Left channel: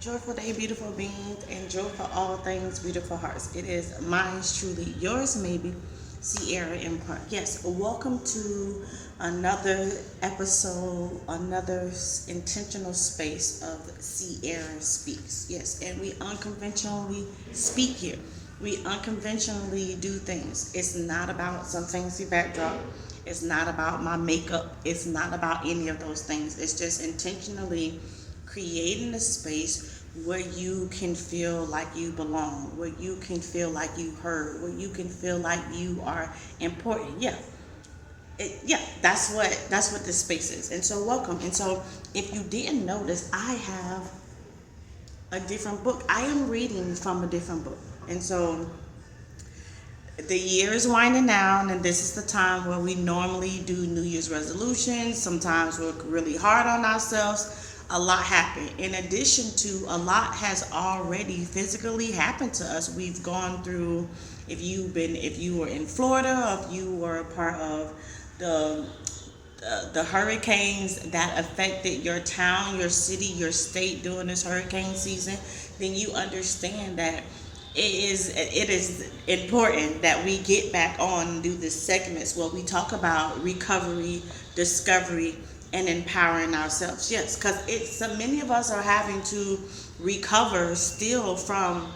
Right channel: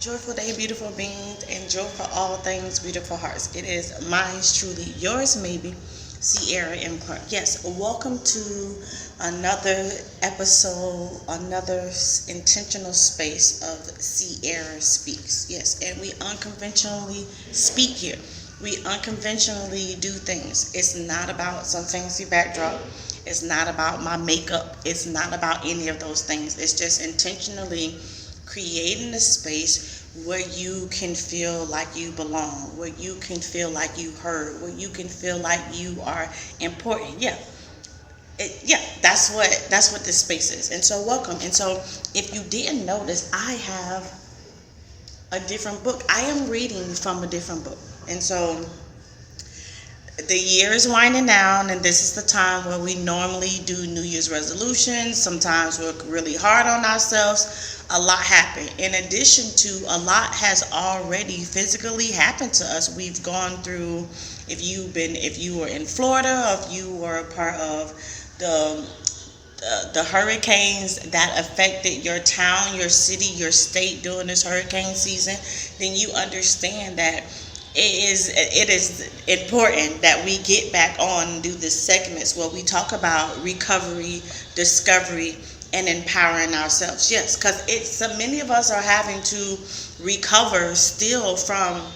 Joyful day, beautiful beings, and joy for all things, beautiful hearts. It is mine truly, yours maybe, Sierra Embark. Yes, welcome to another episode, another intentional space of Sierra Speaks. Yes, and we unconventionally speak here. We unconventionally do things. It's not about some fancy backdrop. It's not about my makeup. It's not about any of those things. It's just intentionally creating a space where you can feel like you belong, where you can feel like you heard, where you can feel like you are important. Yeah, that's what this space is. And so welcome. And so if you didn't notice, I have a different book. I am reading from a different book. And so the year is winding down, and this is the time where we normally do New Year's resolutions. Sometimes we're really hard on ourselves. A lot happened. In addition to a lot has already physically happened to us. We've gone through, if you were in Florida, or if you were a part of the the hurricanes that affected your town, your city, your state during this hurricane season, then you understand that it is important that we get back on and do this segments where we talk about recovery, discovery, and empowering ourselves. Yes, because it's so many of us are having to recover still from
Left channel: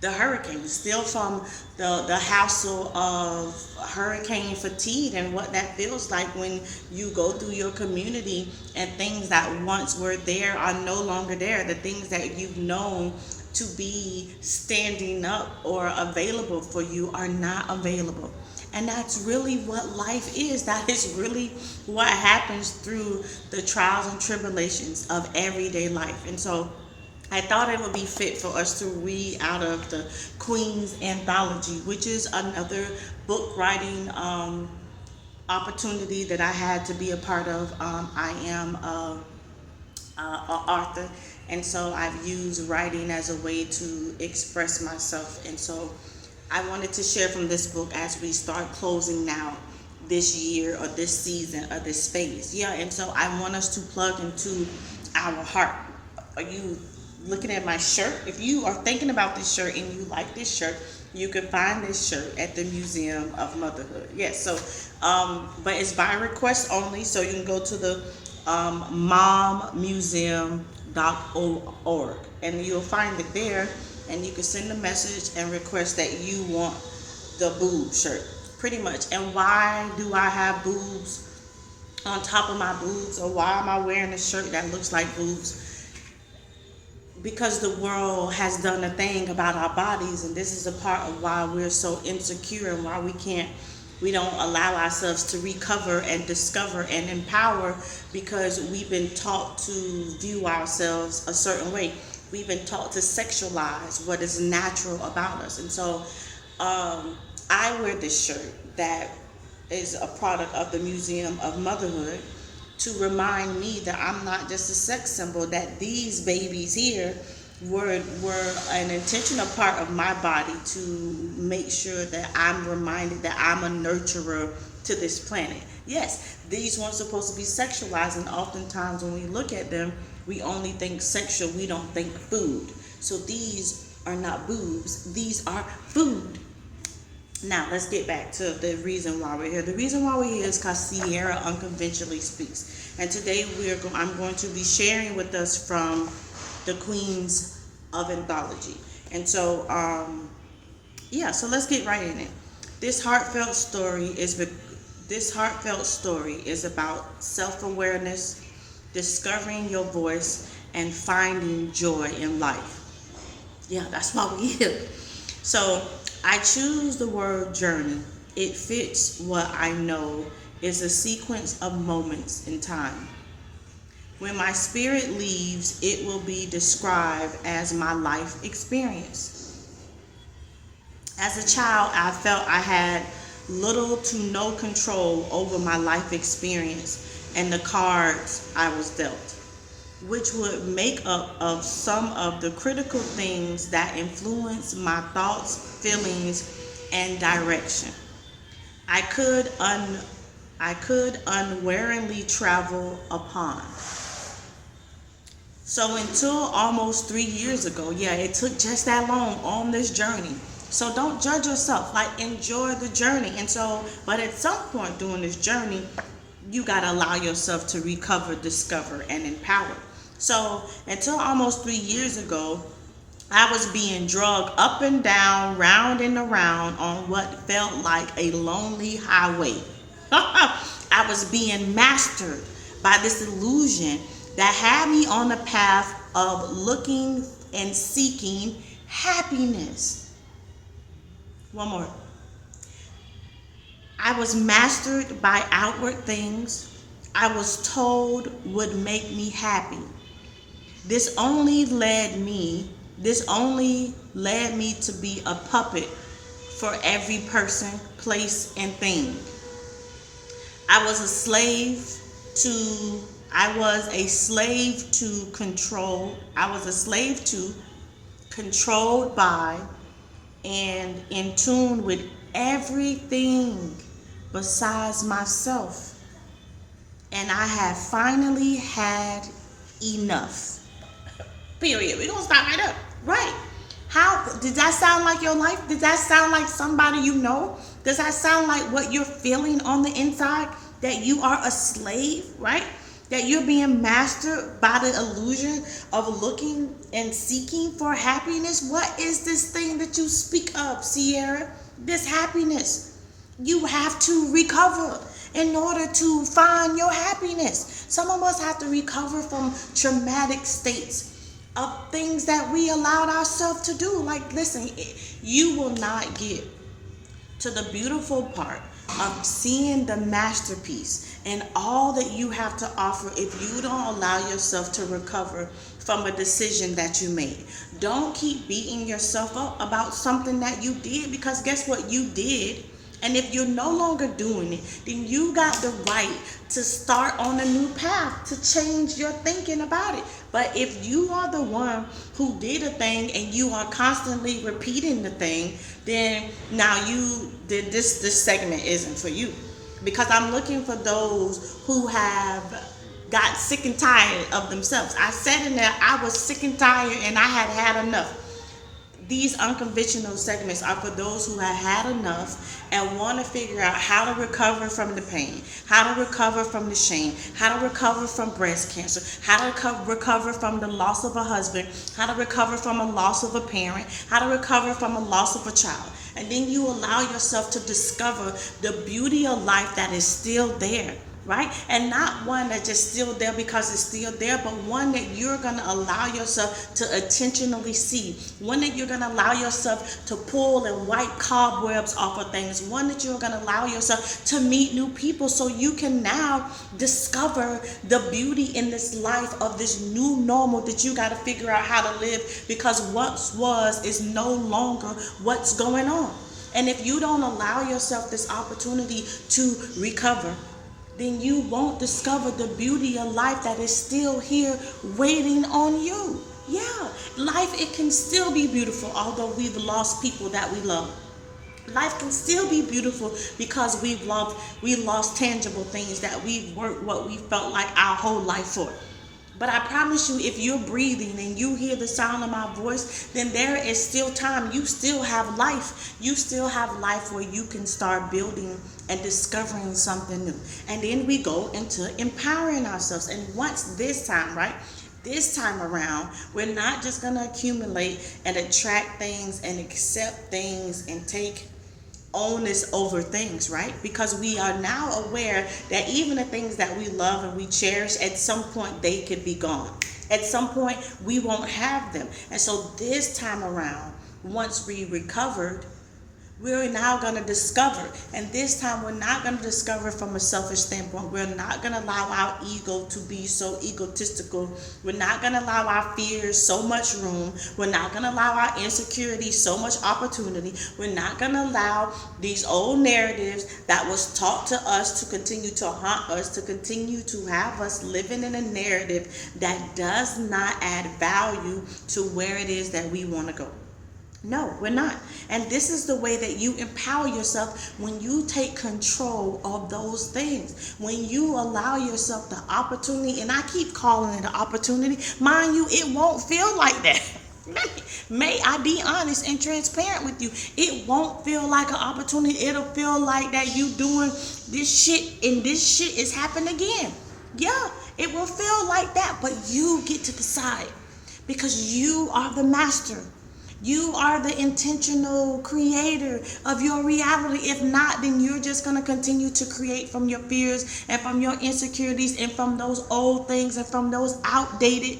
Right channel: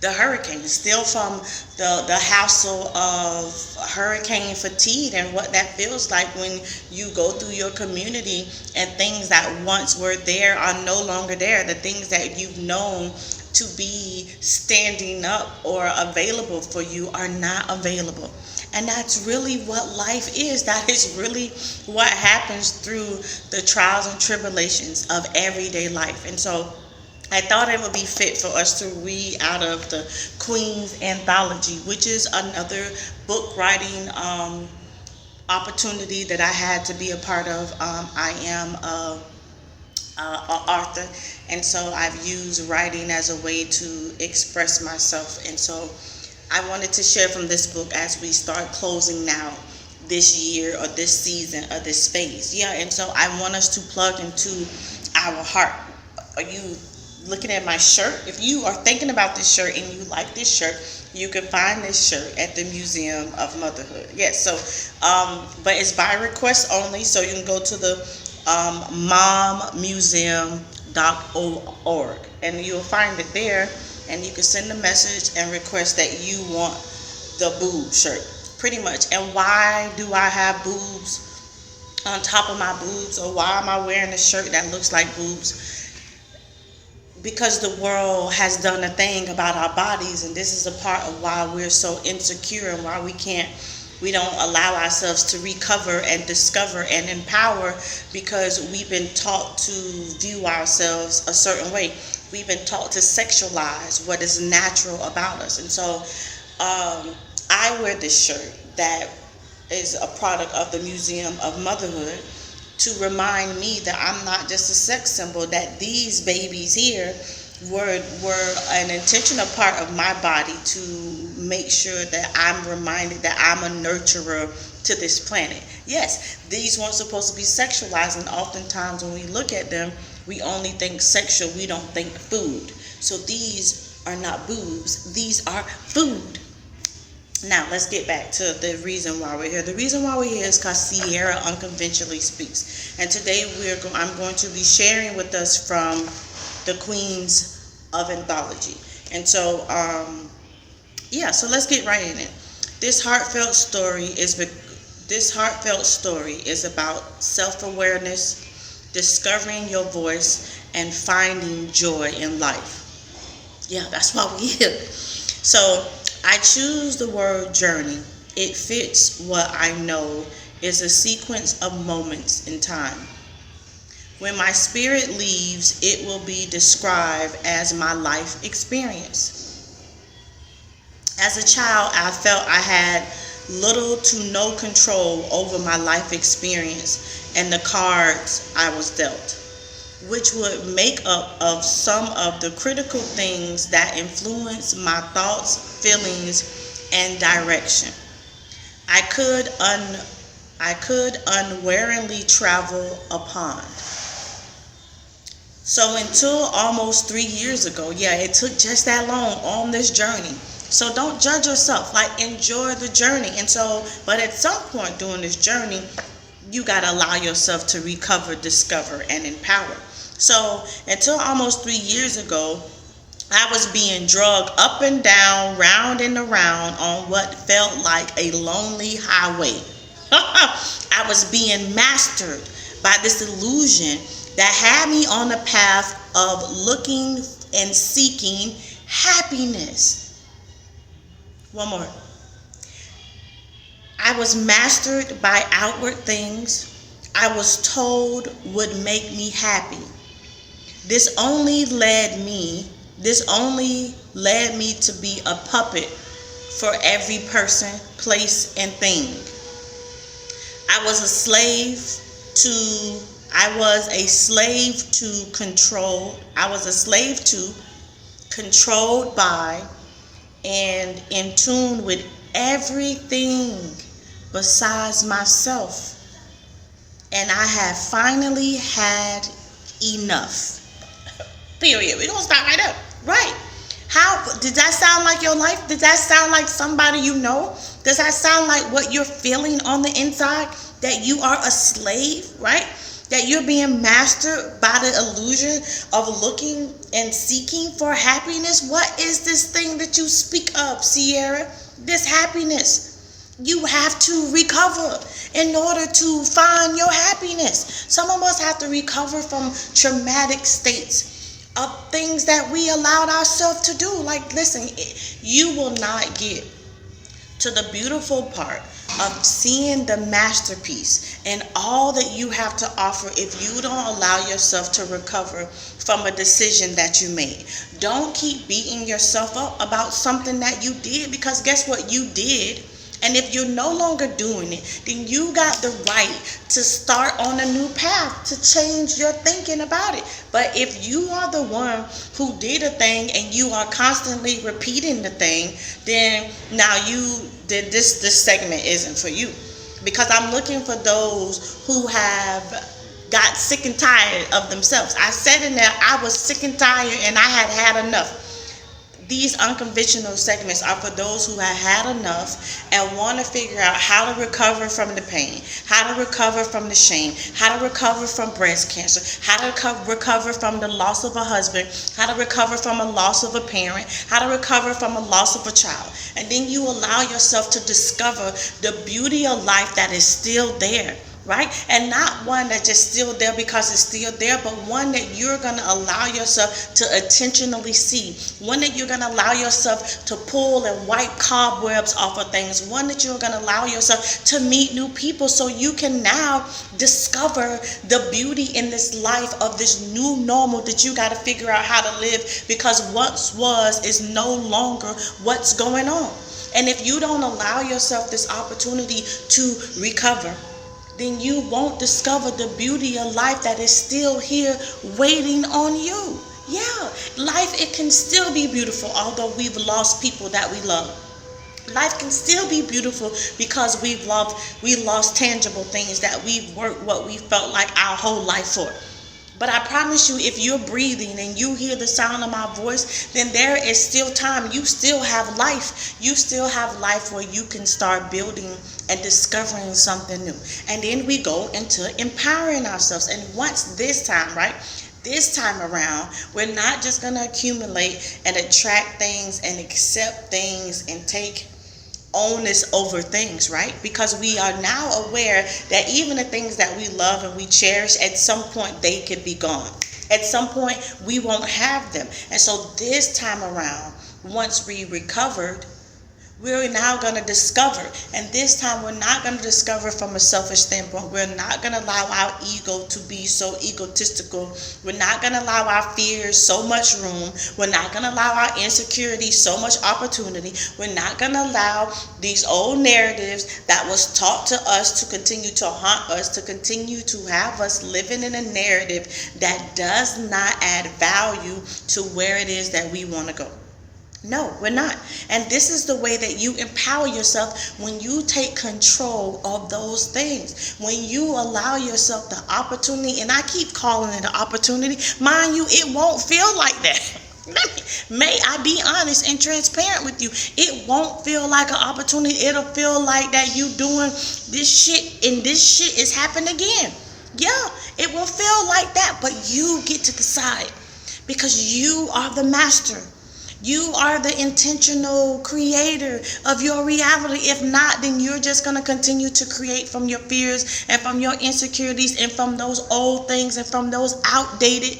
the hurricane, still from the hassle of hurricane fatigue and what that feels like when you go through your community and things that once were there are no longer there. The things that you've known to be standing up or available for you are not available. And that's really what life is. That is really what happens through the trials and tribulations of everyday life. And so I thought it would be fit for us to read out of the Queen's Anthology, which is another book writing opportunity that I had to be a part of. I am a author, and so I've used writing as a way to express myself. And so I wanted to share from this book as we start closing now this year or this season or this phase. Yeah, and so I want us to plug into our heart. Are you looking at my shirt? If you are thinking about this shirt and you like this shirt, you can find this shirt at the Museum of Motherhood. Yes, so but it's by request only, so you can go to the mommuseum.org and you'll find it there, and you can send a message and request that you want the boob shirt, pretty much. And why do I have boobs on top of my boobs, or why am I wearing a shirt that looks like boobs? Because the world has done a thing about our bodies, and this is a part of why we're so insecure and why we don't allow ourselves to recover and discover and empower, because we've been taught to view ourselves a certain way. We've been taught to sexualize what is natural about us. And so I wear this shirt that is a product of the Museum of Motherhood, to remind me that I'm not just a sex symbol, that these babies here were an intentional part of my body to make sure that I'm reminded that I'm a nurturer to this planet. Yes, these weren't supposed to be sexualized, and oftentimes when we look at them, we only think sexual, we don't think food. So these are not boobs, these are food. Now, let's get back to the reason why we're here. The reason why we're here is because Sierra unconventionally speaks. And today I'm going to be sharing with us from the Queens of Anthology. And so, so let's get right in it. This heartfelt story is about self-awareness, discovering your voice, and finding joy in life. Yeah, that's why we're here. So I choose the word journey. It fits what I know is a sequence of moments in time. When my spirit leaves, it will be described as my life experience. As a child, I felt I had little to no control over my life experience and the cards I was dealt, which would make up of some of the critical things that influence my thoughts, feelings, and direction. I could unwaringly travel upon. So until almost 3 years ago, yeah, it took just that long on this journey. So don't judge yourself. Like, enjoy the journey. And so, but at some point during this journey, you got to allow yourself to recover, discover, and empower. So until almost 3 years ago, I was being drugged up and down, round and around on what felt like a lonely highway. I was being mastered by this illusion that had me on the path of looking and seeking happiness. One more. I was mastered by outward things I was told would make me happy. This only led me to be a puppet for every person, place, and thing. I was a slave to control. I was a slave to, controlled by, and in tune with everything besides myself. And I have finally had enough. Period. We're going to stop right there. Right. How did that sound like your life? Does that sound like somebody you know? Does that sound like what you're feeling on the inside? That you are a slave, right? That you're being mastered by the illusion of looking and seeking for happiness? What is this thing that you speak of, Sierra? This happiness. You have to recover in order to find your happiness. Some of us have to recover from traumatic states of things that we allowed ourselves to do. Like, listen, you will not get to the beautiful part of seeing the masterpiece and all that you have to offer if you don't allow yourself to recover from a decision that you made. Don't keep beating yourself up about something that you did, because guess what? You did. And if you're no longer doing it, then you got the right to start on a new path, to change your thinking about it. But if you are the one who did a thing and you are constantly repeating the thing, then now this segment isn't for you. Because I'm looking for those who have got sick and tired of themselves. I said in there, I was sick and tired and I had enough. These unconventional segments are for those who have had enough and want to figure out how to recover from the pain, how to recover from the shame, how to recover from breast cancer, how to recover from the loss of a husband, how to recover from a loss of a parent, how to recover from a loss of a child. And then you allow yourself to discover the beauty of life that is still there. Right? And not one that's just still there because it's still there, but one that you're going to allow yourself to intentionally see. One that you're going to allow yourself to pull and wipe cobwebs off of things. One that you're going to allow yourself to meet new people so you can now discover the beauty in this life of this new normal that you got to figure out how to live, because what was is no longer what's going on. And if you don't allow yourself this opportunity to recover, then you won't discover the beauty of life that is still here waiting on you. Yeah, life, it can still be beautiful although we've lost people that we love. Life can still be beautiful because we lost tangible things that we've worked what we felt like our whole life for. But I promise you, if you're breathing and you hear the sound of my voice, then there is still time. You still have life. You still have life where you can start building and discovering something new. And then we go into empowering ourselves. And once this time, right? This time around, we're not just going to accumulate and attract things and accept things and take onus over things, right? Because we are now aware that even the things that we love and we cherish, at some point they could be gone. At some point we won't have them. And so this time around, once we recovered, we're now going to discover. And this time we're not going to discover from a selfish standpoint. We're not going to allow our ego to be so egotistical. We're not going to allow our fears so much room. We're not going to allow our insecurities so much opportunity. We're not going to allow these old narratives that was taught to us to continue to haunt us, to continue to have us living in a narrative that does not add value to where it is that we want to go. No, we're not. And this is the way that you empower yourself, when you take control of those things. When you allow yourself the opportunity, and I keep calling it an opportunity. Mind you, it won't feel like that. May I be honest and transparent with you? It won't feel like an opportunity. It'll feel like that you doing this shit and this shit is happening again. Yeah, it will feel like that, but you get to decide, because you are the master. You are the intentional creator of your reality. If not, then you're just going to continue to create from your fears and from your insecurities and from those old things and from those outdated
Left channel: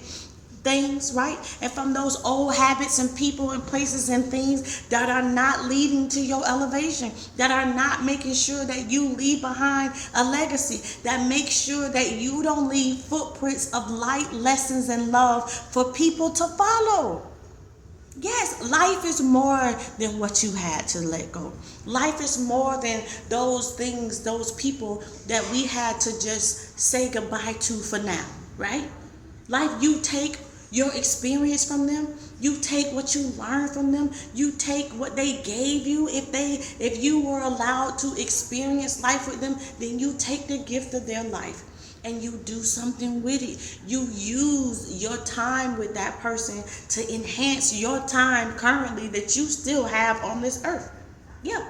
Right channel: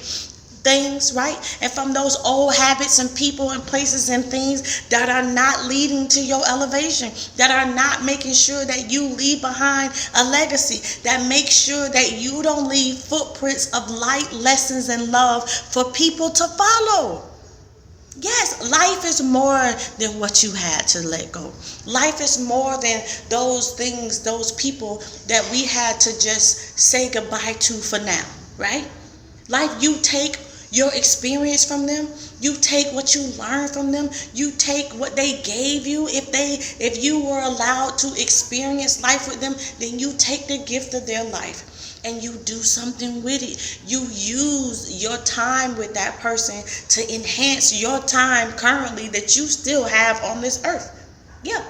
things, right? And from those old habits and people and places and things that are not leading to your elevation, that are not making sure that you leave behind a legacy, that makes sure that you don't leave footprints of light, lessons, and love for people to follow. Yes, life is more than what you had to let go. Life is more than those things, those people that we had to just say goodbye to for now, right? Life, you take your experience from them, you take what you learned from them, you take what they gave you. If you were allowed to experience life with them, then you take the gift of their life and you do something with it. You use your time with that person to enhance your time currently that you still have on this earth. Yeah.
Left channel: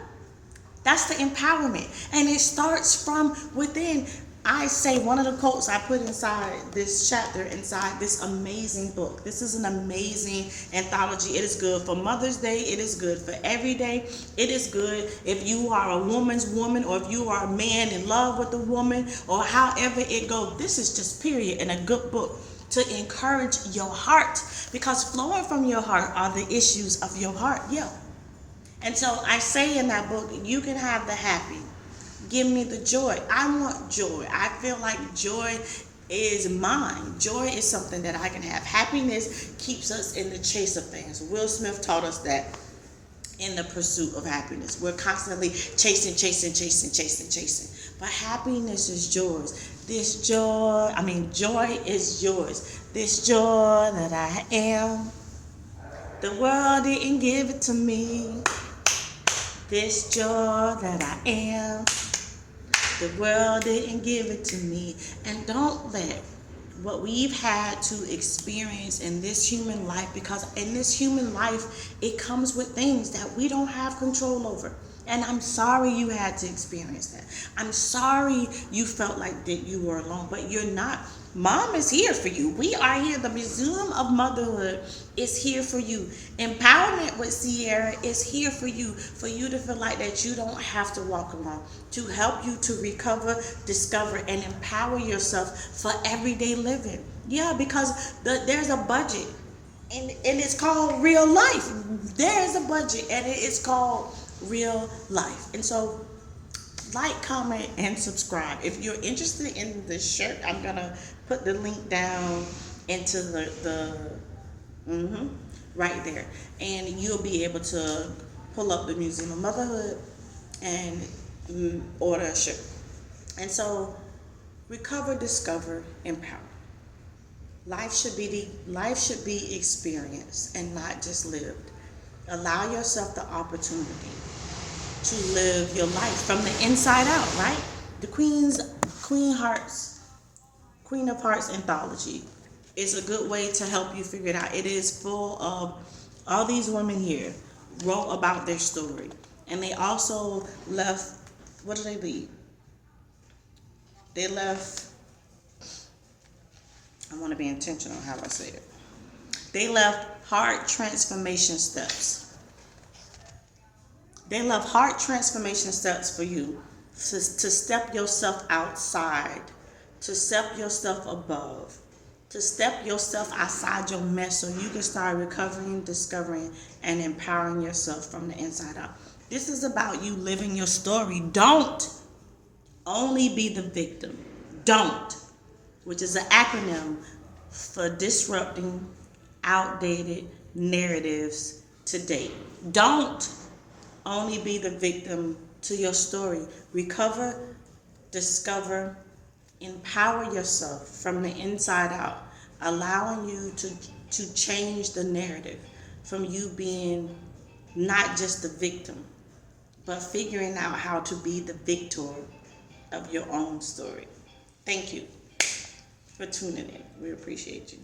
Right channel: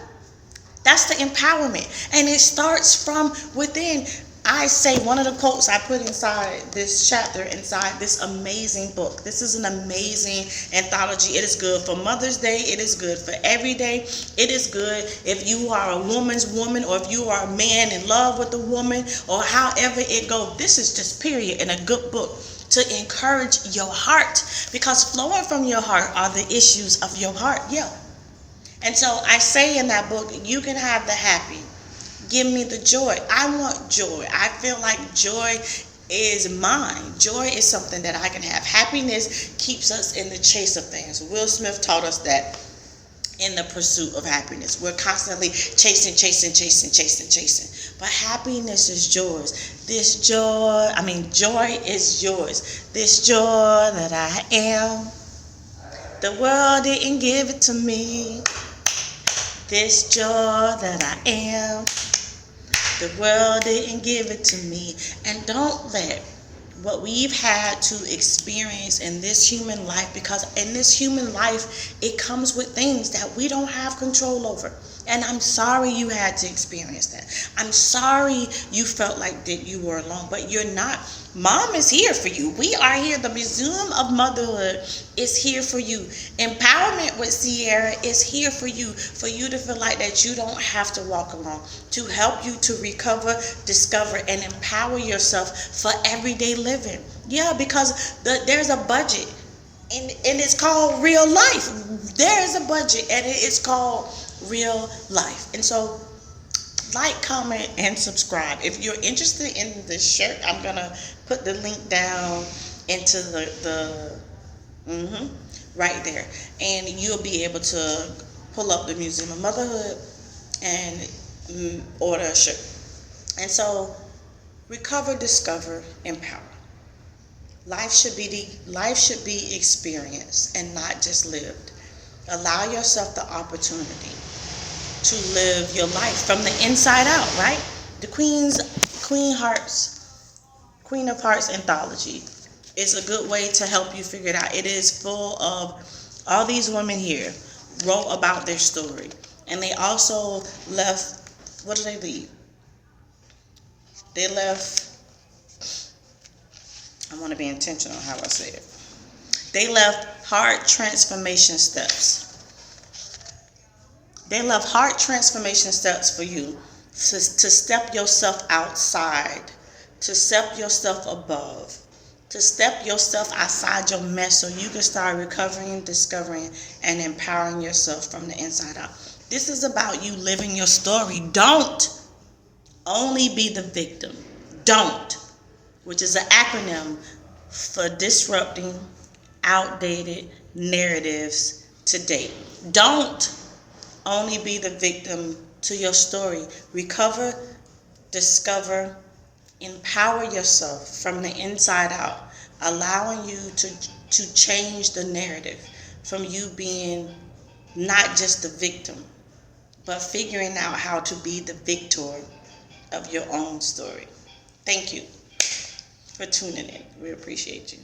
That's the empowerment. And it starts from within. I say one of the quotes I put inside this chapter, inside this amazing book. This is an amazing anthology. It is good for Mother's Day. It is good for every day. It is good if you are a woman's woman, or if you are a man in love with a woman, or however it goes. This is just period in a good book to encourage your heart, because flowing from your heart are the issues of your heart. Yeah. And so I say in that book, you can have the happy. Give me the joy. I want joy. I feel like joy is mine. Joy is something that I can have. Happiness keeps us in the chase of things. Will Smith taught us that in the pursuit of happiness. We're constantly chasing. But happiness is yours. Joy is yours. This joy that I am, the world didn't give it to me. This joy that I am, the world didn't give it to me. And don't let what we've had to experience in this human life, because in this human life, it comes with things that we don't have control over. And I'm sorry you had to experience that. I'm sorry you felt like that you were alone, but you're not. Mom is here for you. We are here. The Museum of Motherhood is here for you. Empowerment with Sierra is here for you to feel like that you don't have to walk alone, to help you to recover, discover, and empower yourself for everyday living. Yeah, because there's a budget, and it's called real life. There is a budget, and it is called real life. And so, like, comment, and subscribe. If you're interested in this shirt, I'm gonna put the link down into the right there, and you'll be able to pull up the Museum of Motherhood and order a shirt. And so, recover, discover, empower. Life should be experienced and not just lived. Allow yourself the opportunity to live your life from the inside out, right? The Queen of Hearts anthology is a good way to help you figure it out. It is full of all these women here wrote about their story. And they also left, what did they leave? They left, I want to be intentional how I say it. They left heart transformation steps. They left heart transformation steps for you to step yourself outside, to step yourself above, to step yourself outside your mess so you can start recovering, discovering, and empowering yourself from the inside out. This is about you living your story. Don't only be the victim. Don't, which is an acronym for disrupting outdated narratives today. Don't only be the victim to your story. Recover, discover, empower yourself from the inside out, allowing you to change the narrative from you being not just the victim, but figuring out how to be the victor of your own story. Thank you for tuning in. We appreciate you.